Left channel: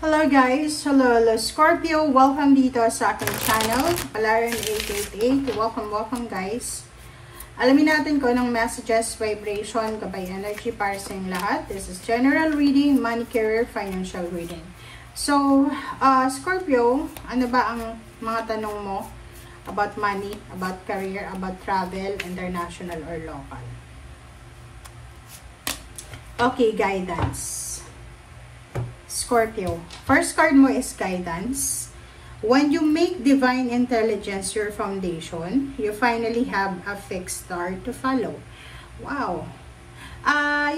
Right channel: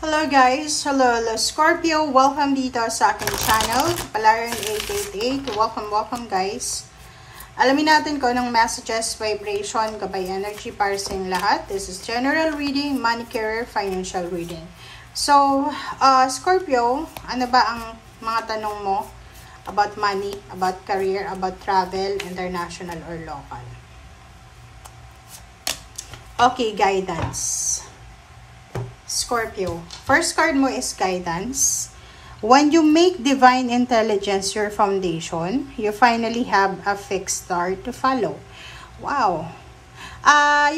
Hello guys! Hello Scorpio! Welcome dito sa aking channel, Palaran 888. Welcome guys! Alamin natin kung anong messages, vibration, gabay energy para sa inyong lahat. This is general reading, money, career, financial reading. So, Scorpio, ano ba ang mga tanong mo about money, about career, about travel, international or local? Okay, guidance. Scorpio, first card mo is guidance. When you make divine intelligence your foundation, you finally have a fixed star to follow. Wow!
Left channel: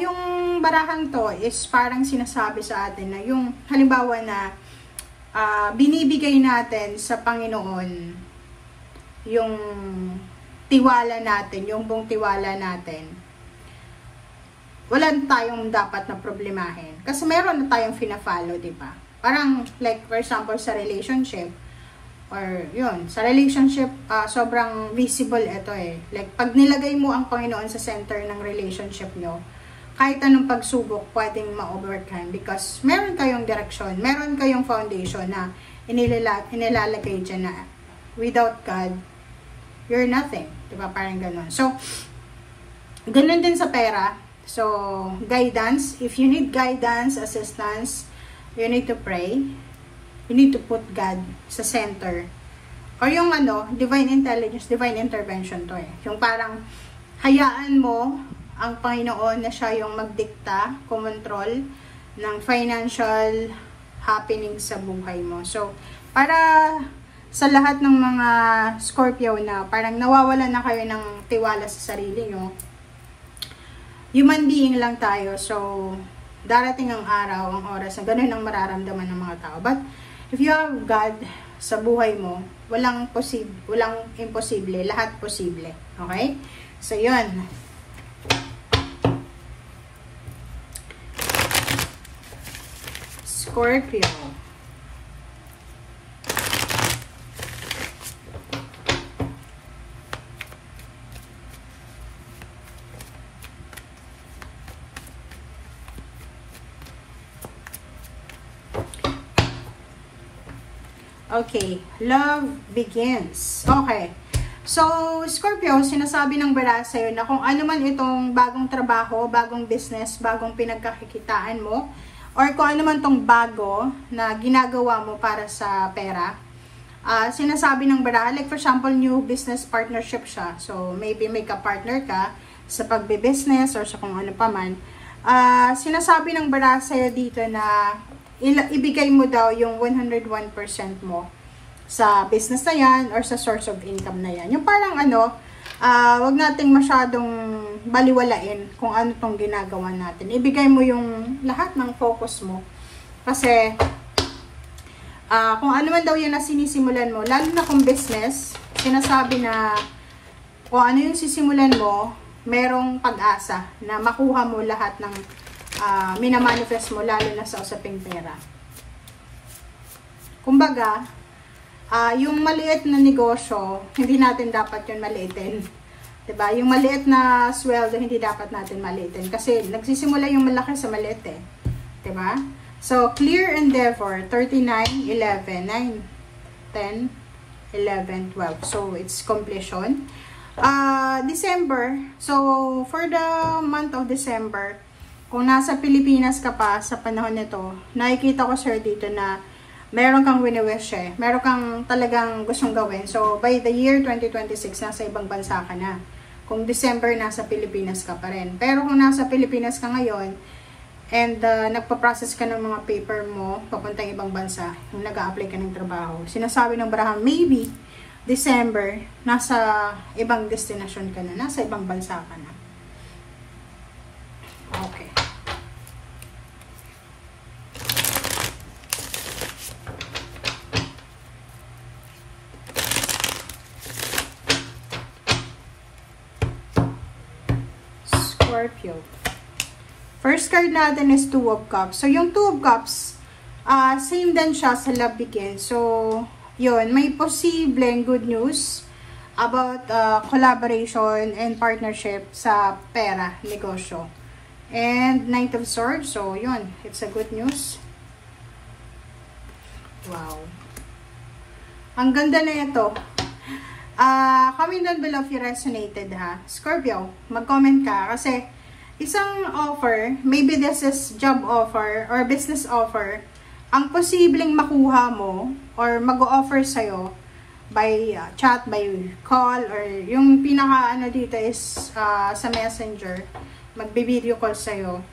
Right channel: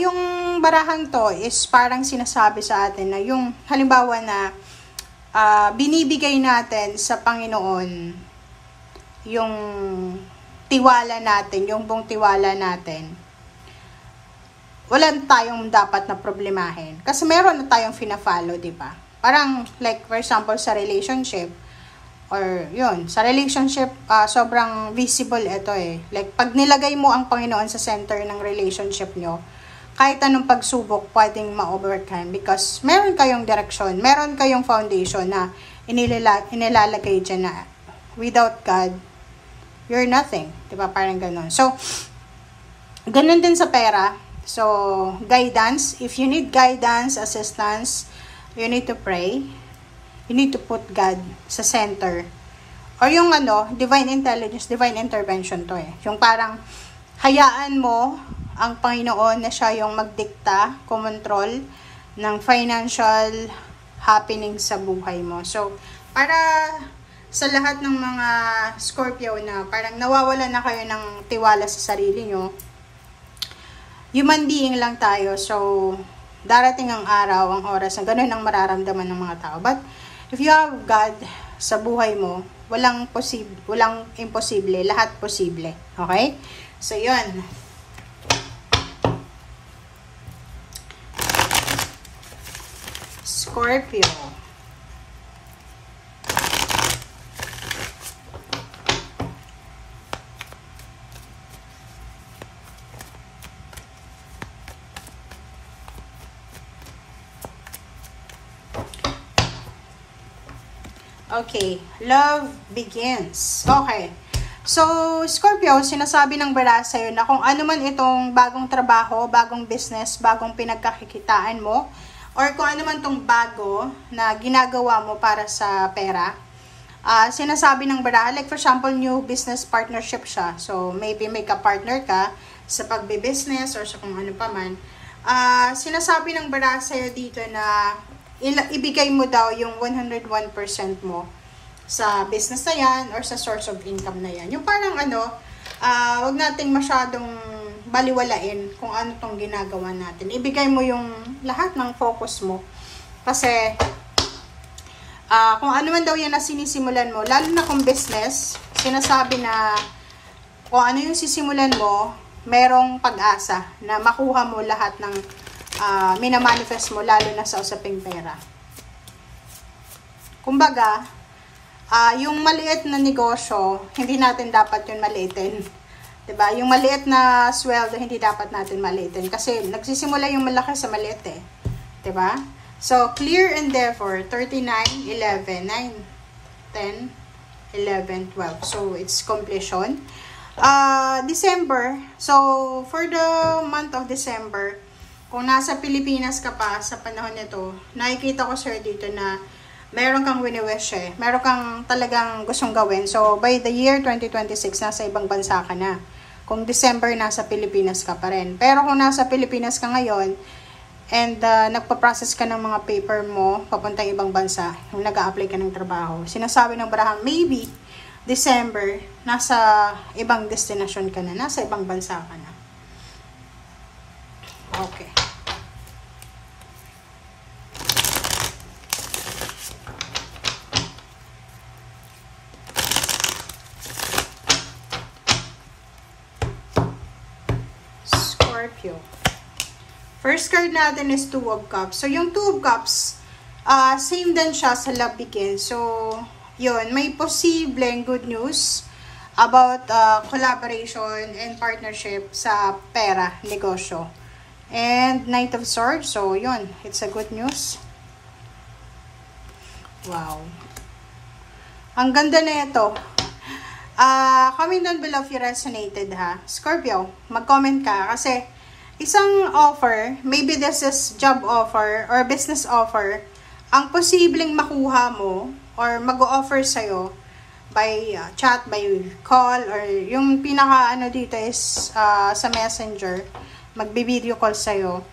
Yung barahang to is parang sinasabi sa atin na yung halimbawa na binibigay natin sa Panginoon yung tiwala natin, yung buong tiwala natin. Wala tayong dapat na problemahin. Kasi meron na tayong fina-follow, di ba? Parang, like, for example, sa relationship, or yun, sa relationship, sobrang visible ito eh. Like, pag nilagay mo ang Panginoon sa center ng relationship nyo, kahit anong pagsubok, pwedeng ma-overcome. Because meron kayong direction, meron kayong foundation na inilalagay dyan na without God, you're nothing. Di ba? Parang ganun. So, ganun din sa pera. So, guidance. If you need guidance, assistance, you need to pray. You need to put God sa center. Or yung divine intelligence, divine intervention to eh. Yung parang hayaan mo ang Panginoon na siya yung magdikta, kumontrol ng financial happening sa buhay mo. So, para sa lahat ng mga Scorpio na parang nawawalan na kayo ng tiwala sa sarili nyo, human being lang tayo, so darating ang araw, ang oras na ganun ang mararamdaman ng mga tao. But if you have God sa buhay mo, walang imposible, lahat posible. Okay? So yun. Scorpio. Okay, love begins. Okay. So, Scorpio, sinasabi ng bara sa'yo na kung ano man itong bagong trabaho, bagong business, bagong pinagkakikitaan mo, or kung ano man itong bago na ginagawa mo para sa pera, sinasabi ng bara, like for example, new business partnership siya. So, maybe may ka-partner ka sa pagbe-business or sa kung ano pa man. Sinasabi ng bara sa'yo dito na ibigay mo daw yung 101% mo sa business na yan or sa source of income na yan. Yung parang wag nating masyadong baliwalain kung ano tong ginagawa natin. Ibigay mo yung lahat ng focus mo. Kasi, kung ano man daw yan na sinisimulan mo, lalo na kung business, sinasabi na kung ano yung sisimulan mo, merong pag-asa na makuha mo lahat ng minamanifest mo, lalo na sa usaping pera. Kumbaga, yung maliit na negosyo, hindi natin dapat yun maliitin. Diba? Yung maliit na sweldo, hindi dapat natin maliitin. Kasi nagsisimula yung malaki sa maliit eh. Diba? So, clear endeavor, 39, 11, 9, 10, 11, 12. So, it's completion. December. So, for the month of December, kung nasa Pilipinas ka pa sa panahon nito, nakikita ko sir dito na meron kang wini-wish eh. Meron kang talagang gustong gawin. So, by the year 2026, nasa ibang bansa ka na. Kung December, nasa Pilipinas ka pa rin. Pero kung nasa Pilipinas ka ngayon, and nagpa-process ka ng mga paper mo, papuntang ibang bansa, yung nag-a-apply ka ng trabaho, sinasabi ng barahan, maybe, December, nasa ibang destination ka na, nasa ibang bansa ka na. Okay. Scorpio. First card natin is Two of Cups. So, yung Two of Cups, same din siya sa love begins. So, yun, may posibleng good news about collaboration and partnership sa pera, negosyo. And Knight of Swords, so yun, it's a good news. Wow. Ang ganda na ito. Comment down below if you resonated, ha. Scorpio, mag-comment ka kasi isang offer, maybe this is job offer or business offer, ang posibleng makuha mo or mag-o-offer sa'yo by chat, by call, or yung pinaka ano dito is sa messenger, magbi-video call sa'yo.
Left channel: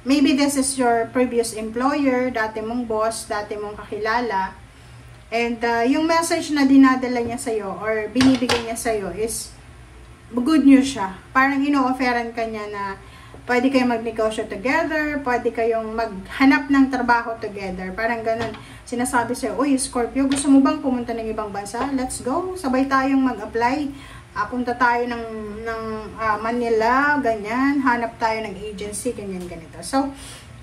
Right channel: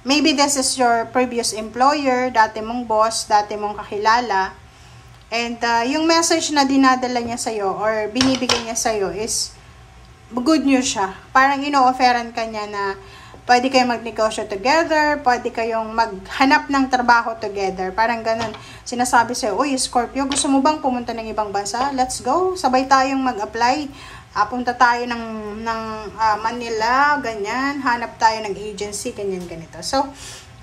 Maybe this is your previous employer, dati mong boss, dati mong kakilala. And yung message na dinadala niya sa'yo or binibigay niya sa'yo is good news siya. Parang ino-offeran ka niya na pwede kayong magnegosyo together, pwede kayong maghanap ng trabaho together. Parang ganun. Sinasabi sa'yo, uy, Scorpio, gusto mo bang pumunta ng ibang bansa? Let's go. Sabay tayong mag-apply. Punta tayo ng Manila, ganyan. Hanap tayo ng agency, ganyan, ganito. So,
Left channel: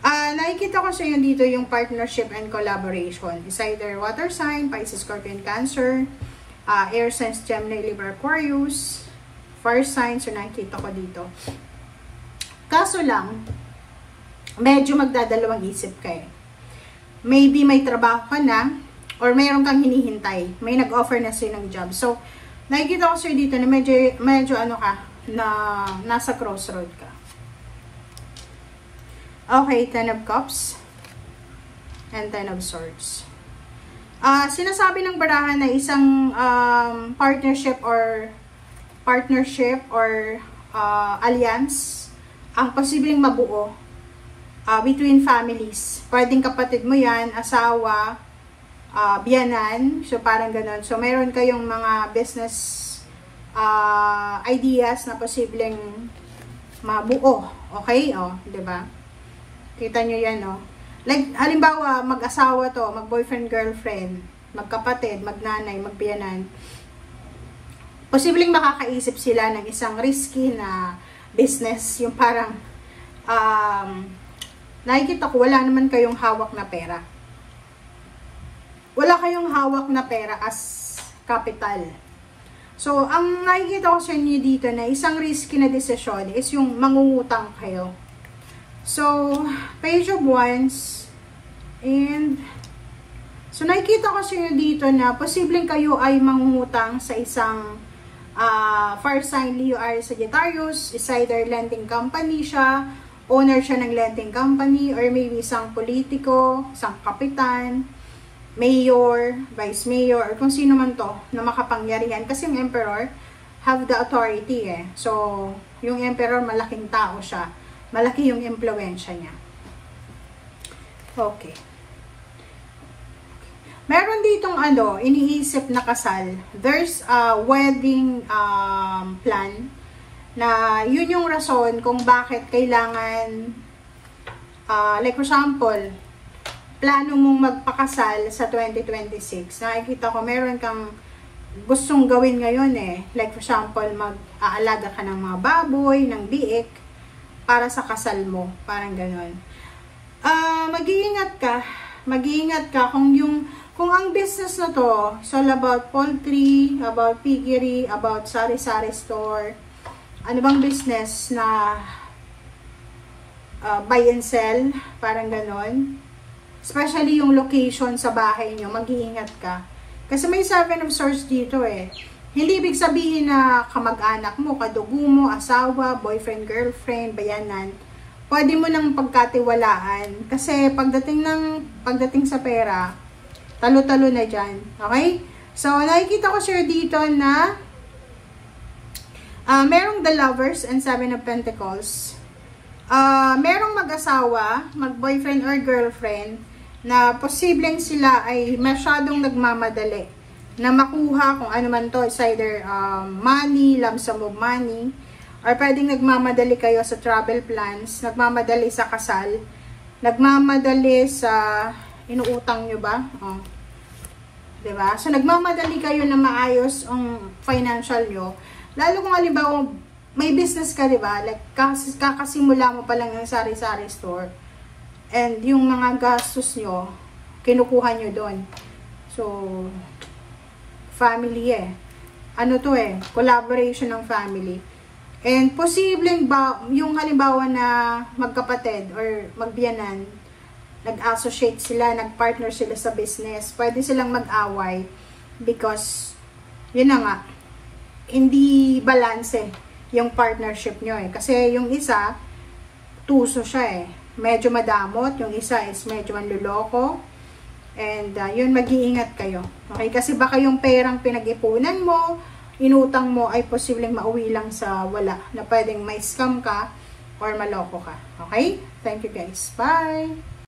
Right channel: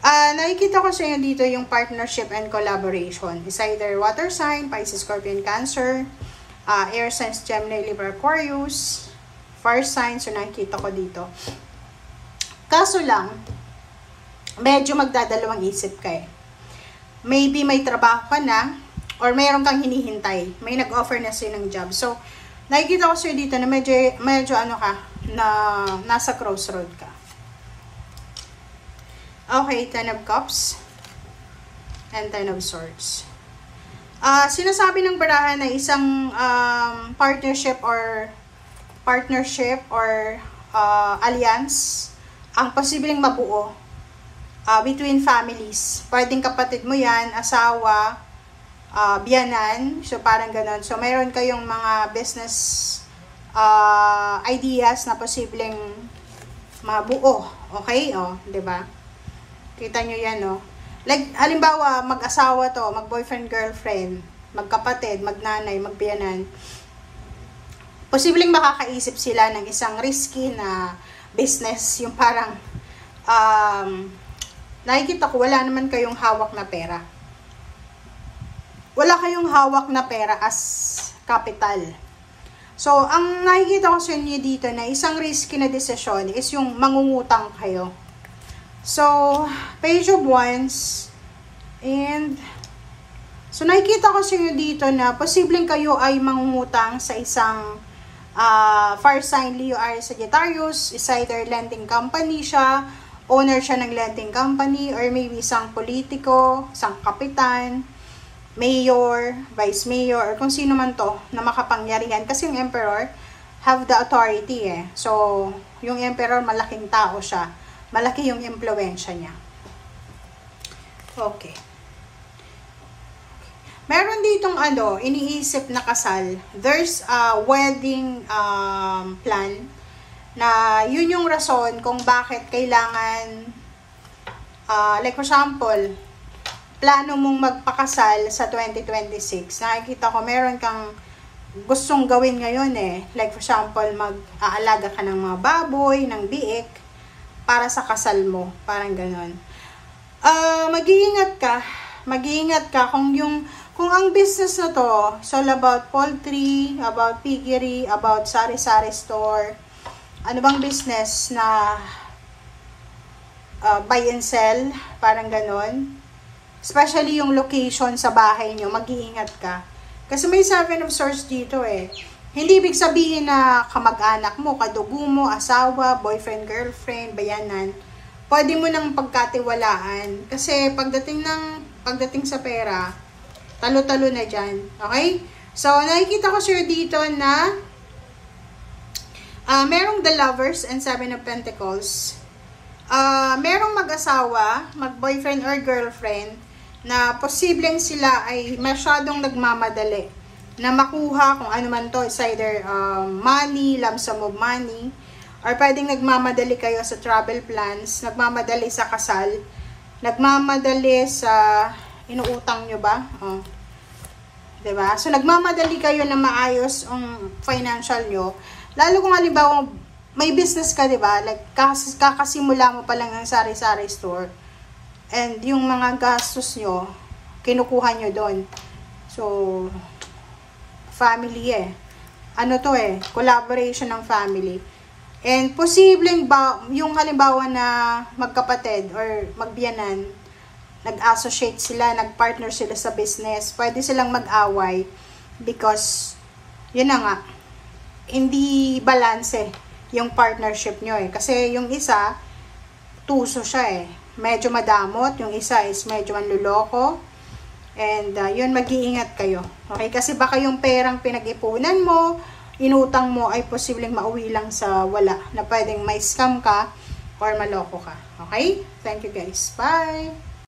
nakikita ko sa inyo dito yung partnership and collaboration. It's either water sign, Pisces, Scorpion, Cancer, air signs, Gemini, Libra, Aquarius, fire sign. So, nakikita ko dito. Kaso lang, medyo magdadalawang isip ka eh. Maybe may trabaho ka na, or mayroon kang hinihintay. May nag-offer na sa'yo ng job. So, nakikita ko sa'yo dito na medyo ano ka, na nasa crossroad ka. Okay, Ten of Cups and Ten of Swords. Sinasabi ng barahan na isang partnership or alliance ang posibleng mabuo between families. Pwedeng kapatid mo yan, asawa, biyanan, so parang ganun. So, mayroon kayong mga business ideas na posibleng mabuo. Okay? O, diba? Kita nyo yan, no? Like, halimbawa, mag-asawa to, mag-boyfriend, girlfriend, magkapatid, magnanay, magbiyanan. Posibleng makakaisip sila ng isang risky na business. Yung parang, nakikita ko, wala naman kayong hawak na pera. Wala kayong hawak na pera as capital. So, ang nakikita ko sa inyo dito na isang risky na desisyon is yung mangungutang kayo. So, Page of Wands, and, so nakikita ko sa inyo dito na posibleng kayo ay mangungutang sa isang fire sign, Leo, Aries, Sagittarius. Is either lending company siya, owner siya ng lending company, or maybe isang politiko, isang kapitan, mayor, vice mayor, or kung sino man to na makapangyarihan. Kasi yung emperor have the authority eh. So, yung emperor malaking tao siya. Malaki yung impluwensya niya. Okay. Meron ditong iniisip na kasal. There's a wedding plan na yun yung rason kung bakit kailangan, like for example, plano mong magpakasal sa 2026. Nakikita ko, meron kang gustong gawin ngayon eh. Like for example, mag-aalaga ka ng mga baboy, ng biik, para sa kasal mo. Parang ganon. Mag-iingat ka kung ang business na to, it's all about poultry, about piggery, about sari-sari store, ano bang business na buy and sell, parang ganon. Especially yung location sa bahay nyo, mag-iingat ka. Kasi may 7 of Swords dito eh. Hindi ibig sabihin na kamag-anak mo, kadugo mo, asawa, boyfriend, girlfriend, bayanan, pwede mo nang pagkatiwalaan. Kasi pagdating sa pera, talo-talo na dyan. Okay? So, nakikita ko sir dito na merong the Lovers and 7 of Pentacles. Merong mag-asawa, mag-boyfriend or girlfriend, na posibleng sila ay masyadong nagmamadali na makuha kung ano man to, it's either money, lump sum of money, or pwedeng nagmamadali kayo sa travel plans, nagmamadali sa kasal, nagmamadali sa inuutang nyo ba? Diba? So, nagmamadali kayo na maayos ang financial nyo. Lalo kung halimbawa, may business ka, diba? Like, kakasimula mo pa lang ng sari-sari store. And yung mga gastos nyo, kinukuha nyo doon. So, family eh. Ano to eh? Collaboration ng family. And posibleng ba, yung halimbawa na magkapatid or magbiyanan, nag-associate sila, nag-partner sila sa business, pwede silang mag-away because, yun na nga, hindi balanse yung partnership nyo eh. Kasi yung isa, tuso siya eh. Medyo madamot, yung isa is medyo manluloko. And yun, mag-iingat kayo. Okay? Kasi baka yung perang pinag-ipunan mo, inutang mo ay posibleng mauwi lang sa wala. Na pwedeng may scam ka or maloko ka. Okay? Thank you guys. Bye!